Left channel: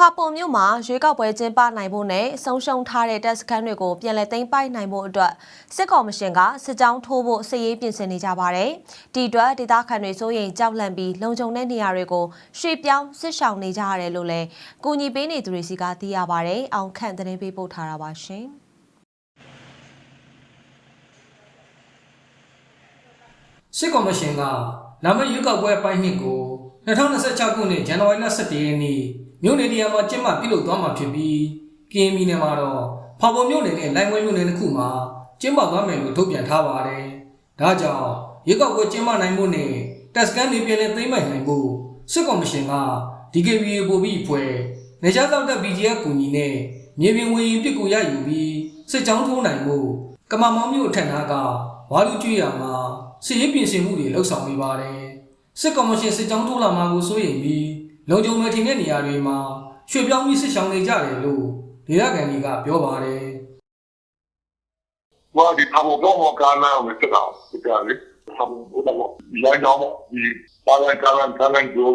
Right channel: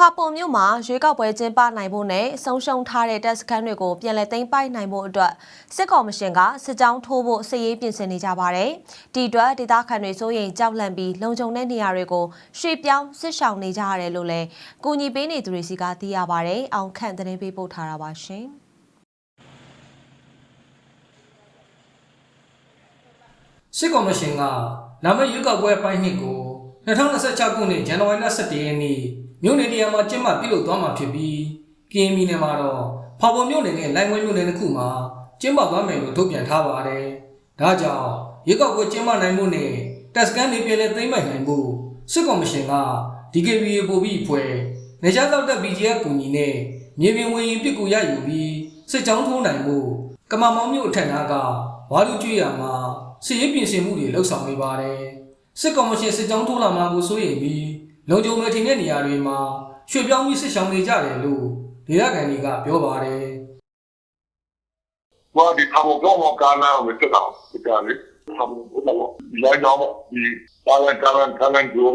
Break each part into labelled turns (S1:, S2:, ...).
S1: ဖာပုံမြို့မှာရွေးကောက်ပွဲကျင်းပနိုင်ဖို့နဲ့ဆုံးရှုံးထားတဲ့တပ်စခန်းတွေကိုပြန်လည်သိမ်းပိုက်နိုင်ဖို့အတွက်စစ်ကော်မရှင်ကစစ်ကြောင်းထိုးဖို့စစ်ရေးပြင်ဆင်နေကြပါတယ်။ဒီအတွက်ဒေသခံတွေစိုးရိမ်ကြောက်လန့်ပြီးလုံခြုံတဲ့နေရာတွေကိုရွှေ့ပြောင်းစစ်ရှောင်နေကြရတယ်လို့လည်းကူညီပေးနေသူတွေစီကသိရပါတယ်။အောင်ခန့်သတင်းပေးပို့ထားတာပါရှင်။
S2: စစ်ကော်မရှင်ကလာမယ့်ရွေးကောက်ပွဲအပိုင်းနှစ်ကို2026ခုနှစ်ဇန်နဝါရီလ17ရက်နေ့ မြို့နယ်တရားမှာကျင်းပပြုလုပ်သွားမှာဖြစ်ပြီးကရင်ပြည်နယ်မှာတော့ဖော်ပေါ်မြို့နယ်နဲ့လိုင်ဝဲမြို့နယ်တစ်ခုမှာကျင်းပသွားမယ်လို့ထုတ်ပြန်ထားပါတယ်။ဒါကြောင့်ရွေးကောက်ပွဲကျင်းပနိုင်မှုနဲ့တက်စကန်တွေပြည်လည်သိမ်းပိုက်နိုင်မှုစစ်ကော်မရှင်က DKBA ပို့ပြီးဖွဲ့နေရှားတောက်တဲ့ BGF ကူညီနဲ့မြေပြင်ဝင်ရင်ပြစ်ကူရယူပြီးစစ်ကြောင်းထိုးနိုင်မှုကမမောင်းမြို့အထက်နားကဝါလူကျွေးရမှာစစ်ရေးပြင်ဆင်မှုတွေလှုပ်ဆောင်နေပါတယ်စစ်ကော်မရှင်စစ်ကြောင်းထိုးလာမှာကိုစိုးရိမ်ပြီး လုံခြုံမယ်ထင်တဲ့နေရာတွေမှာရွှေပြောင်းပြီးစစ်ဆောင်နေကြတယ်လို့ဒေသခံတွေကပြောပါတယ်။
S3: ဘာဒီဘာဘောဘောကနာမစ်တော့ဒါလေးဘာဘောဘောလိုက်တော့ဒီပါရကရန်ကနန်ဂျို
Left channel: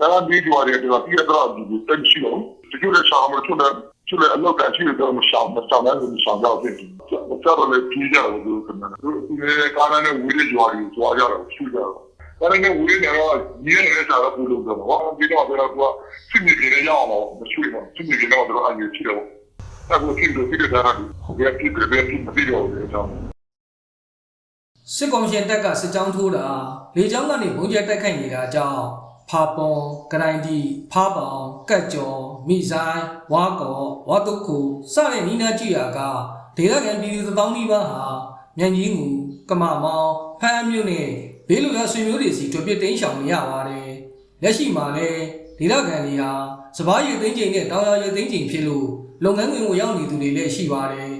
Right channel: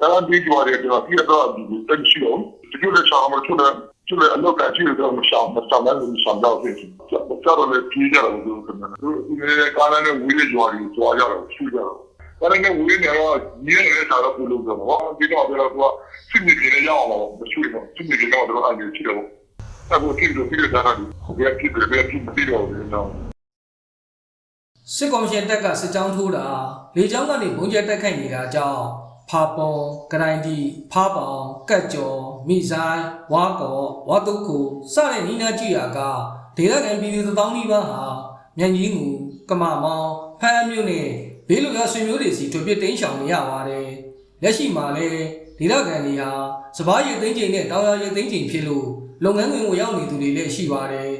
S3: ဒါကဒီကျွာရဲ့ဒါပြတော့ဒီတန်ချီရောဒီလိုဆောင်မထွန်းတယ်ကျလည်းအလောက်ကချီတော့မဆောင်မဆောင်လည်းမဆောင်တော့ဖြစ်တယ်။ဘာသာလည်းပြေးကြလို့ဒီကနေ့ကားနဲ့ဝီလ်ကြော်ရီကြော်ကြတော့ရှိကြတော့ 理那个你也啥都不弄的，我比较这个说，身体给的药了，我去了，身体给药这个按钮去了。但是这个这个在那里，别这个别听不了，你知道吗？
S2: စစ်ကော်မရှင်တပ်ကစစ်ကြောင်းထိုးတာလေကြောင်းကနေဘုံကျဲတိုက်ခိုက်နေတာကြောင့်ဖာပွန်ဂရိုင်ဒီဖားပောင်ကတ်ကျော်မိဆိုင်ဝါကောဝါတုခုစတဲ့နီးနားကြည့်ရာကဒေသခံပြည်သူတစ်သောင်းနီးပါးဟာမြန်ကြီးငူကမမောင်ဖမ်းအမျိုးနဲ့ ဘေးလူရဆွေမျိုးတွေစီတွေ့ပြတိန်ရှောင်နေရပါတယ်လက်ရှိမှာလည်းဒေသခံတွေဟာစပားရည်သိန်းချိန်နဲ့တောင်ရရည်သိန်းချိန်ဖြစ်လို့လုပ်ငန်းခွင်ကိုရောက်နေသူတွေလည်းရှိပါတယ်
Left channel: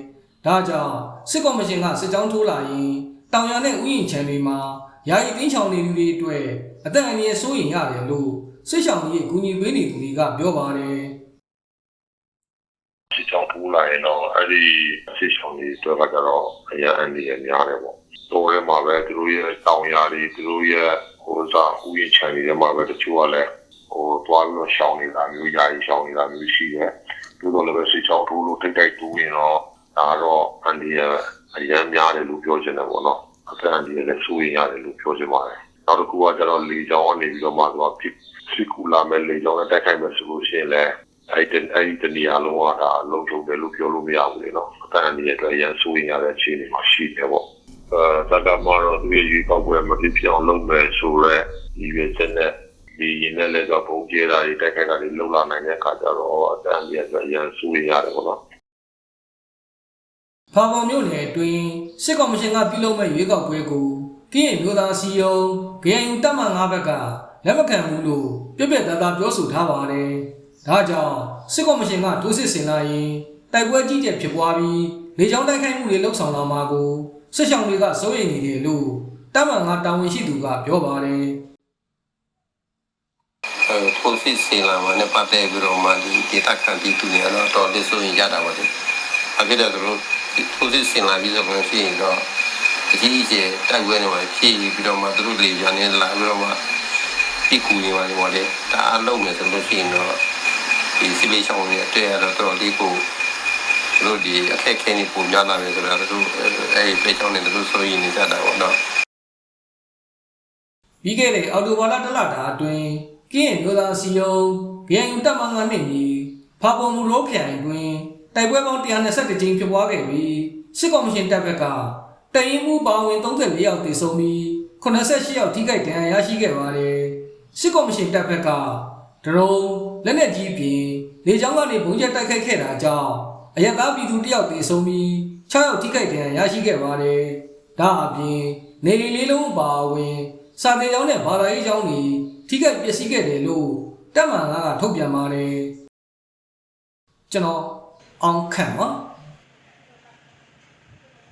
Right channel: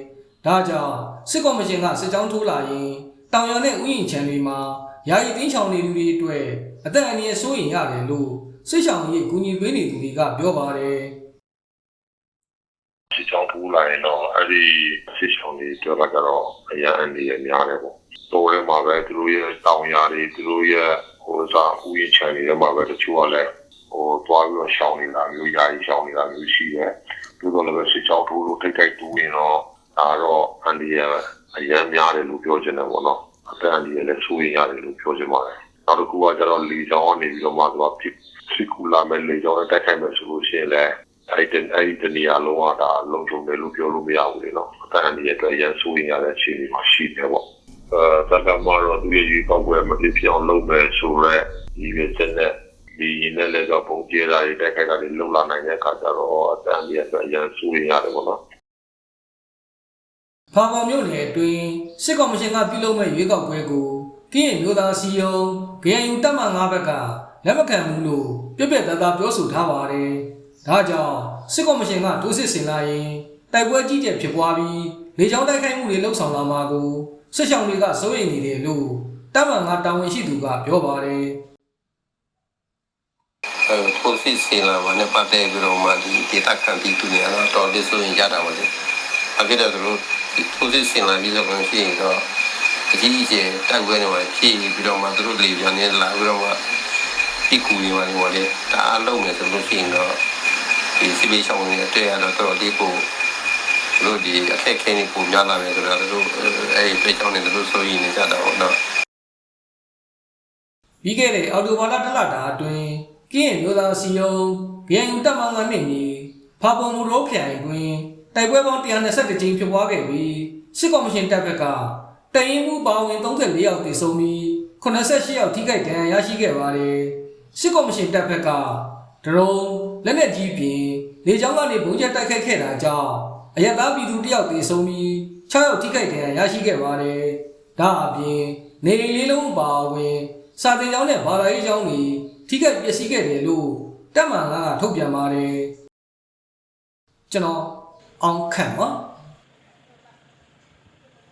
S2: ဒါကြောင့်စစ်ကော်မရှင်ကစစ်ကြောင်းထိုးလာရင်တောင်ရနဲ့ဥယျာဉ်ခြံတွေမှာယာယီတင်းချောင်နေသူတွေအတွက်အသက်အန္တရာယ်စိုးရိမ်ရတယ်လို့စစ်ဆောင်ရေးကူညီပေးနေသူတွေကပြောပါတယ်
S3: စစ်ချောင်းထူလာရင်တော့အဲ့ဒီစစ်ချောင်းတွေတွေ့မှာကတော့အရင်အနေနဲ့များတယ်ပေါ့။ တော့ရဲမှာပဲသူတို့ရဲ့တောင်ယာတွေသူတို့ရဲ့ဟိုစားဥယျာဉ်ခြံတွေထဲမှာပဲတချို့ကလည်းဟိုတွားပြီးတော့ရှောင်းနေတာမျိုးယာယီရှောင်းနေတာမျိုးရှိတယ်။ဒီတော့လည်းစစ်ချောင်းထူလို့တိတ်တိတ်တူရင်တော့ဒါတော့အန်ဒီယာအရင်များတယ်လို့ပြောချင်တာပေါ့နော်။အသက်အန္တရာယ်လည်းစိုးရိမ်ရတယ်လို့ပြောချင်ပါတယ်။နောက်တစ်ခုကကျတော့လေကြောင်းကနေပြီးတော့မှတော့ဖြစ်စစ်ကူလာမဲ့လေကြောင်းနဲ့တိုက်ခိုက်မယ်ဆိုလို့ရှိရင်လည်းအဲ့ဒီအဲ့ဒီတနေရာလုံးဝဒါလုံခြုံတယ်လို့ပြောလို့မရဘူးလေနော်အတန်းဒီအတွက်ရန်ဆိုရင်ရတဲ့အခြေအနေမှာရှိတယ်ပေါ့ အာသတ္တမတော်သူရဲ့ဒီပောက်ကွယ်မဖြစ်ဖြစ်အောင်လုပ်မယ်ဆိုတော့ဒီပဲစတဲ့ဒီရင်နဲ့လည်းတော့ပုံကျေးတာတွေတိုက်ခိုက်တာတွေလုံလာနိုင်တဲ့အခါကျတော့အတန်းဒီအတွက်ရန်ဆိုရင်ရတယ်ပေါ့နော်
S2: ဖာပေါ်မြို့နယ်အတွင်းစစ်ကော်မရှင်ကပြုလုပ်မဲ့ရွေးကောက်ပွဲကိုကရင်မျိုးသားစီယုံ GNU တပ်မ9ဘက်ကလက်မခံဘူးလို့ပြက်ပြက်သားသားပြောဆိုထားပါတယ်ဒါကြောင့်စစ်ကော်မရှင်ကဒုစစ်ဆင်လာရင်တိုက်ပွဲကြီးကျယ်ဖြစ်ပွားပြီးလေကြောင်းတိုက်ခိုက်မှုတွေလှုပ်ဆောင်လာမှာကို စစ်ဆောင်တွေကစိုးရိမ်နေတယ်လို့တပ်မ9တာဝန်ရှိသူကပြောပါတယ်
S4: အဲထိုးစစ်စင်လာမှာနဲ့ပတ်သက်ပြီးတော့မှဒီဒေတာခံပြီးသူနေတော့တော်လေးဆိုရင်ရတာပါလေအခုတော့သူတို့ထိုးစစ်စင်လာပြီးဆိုရင်ရှိရင်တော့အကြီးအကျယ်တိုက်ပွဲနေမှာဖြစ်ပြီးတော့မှသူတို့လေပြန်နေလာပြီးတော့မှဒီကူနေမှာနေပါလေဒါအလုံးမယ်ဆိုလို့ရှိရင်တော့ဒီစီဘေးရှောင်းနေတဲ့အတွေ့ရတော့တော်လေးကိုသူ တို့ဒီအခက်ခဲနေပုံများလာမယ်ဆိုတော့သူတို့အဲဒီပြေချောင်းနေသူတို့ဆိုရင်နေကြတာပေါ့နော်
S2: ပြီးခဲ့တဲ့အော်တိုဘာလတစ်လတာအတွင်းကင်းမျိုးသားစီယုံ GNU တပ်မ9နှစ်ကြီးဖာပုံမူရိုးခရိုင်တွင်တိုက်ပွဲပေါင်း121ကြိမ်ဖြစ်ပွားခဲ့ပြီးစစ်ကော်မရှင်တပ်ဘက်ကတရင်မှုပါဝင်34ယောက်သေဆုံးပြီး88ယောက်ထိခိုက်ဒဏ်ရာရရှိခဲ့ပါတယ်စစ်ကော်မရှင်တပ်ဘက်ကဒရုန်းလက်နက်ကြီးပြင်လေကြောင်းကနေဘုံကျက်တိုက်ခိုက်ခဲ့တာကြောင့် အရက်သားပြည်သူတယောက်သေဆုံးပြီး6ယောက်ထိခိုက်ဒဏ်ရာရရှိခဲ့ပါတယ်ဒါအပြင်နေအိမ်လေးလုံးပါဝင် စာတင်ကျောင်းနဲ့ဘာသာရေးကျောင်းတွေထိခိုက်ပျက်စီးခဲ့တယ်လို့တပ်မန်ကထုတ်ပြန်ပါတယ်ကျွန်တော်အောင်ခန့်ပါ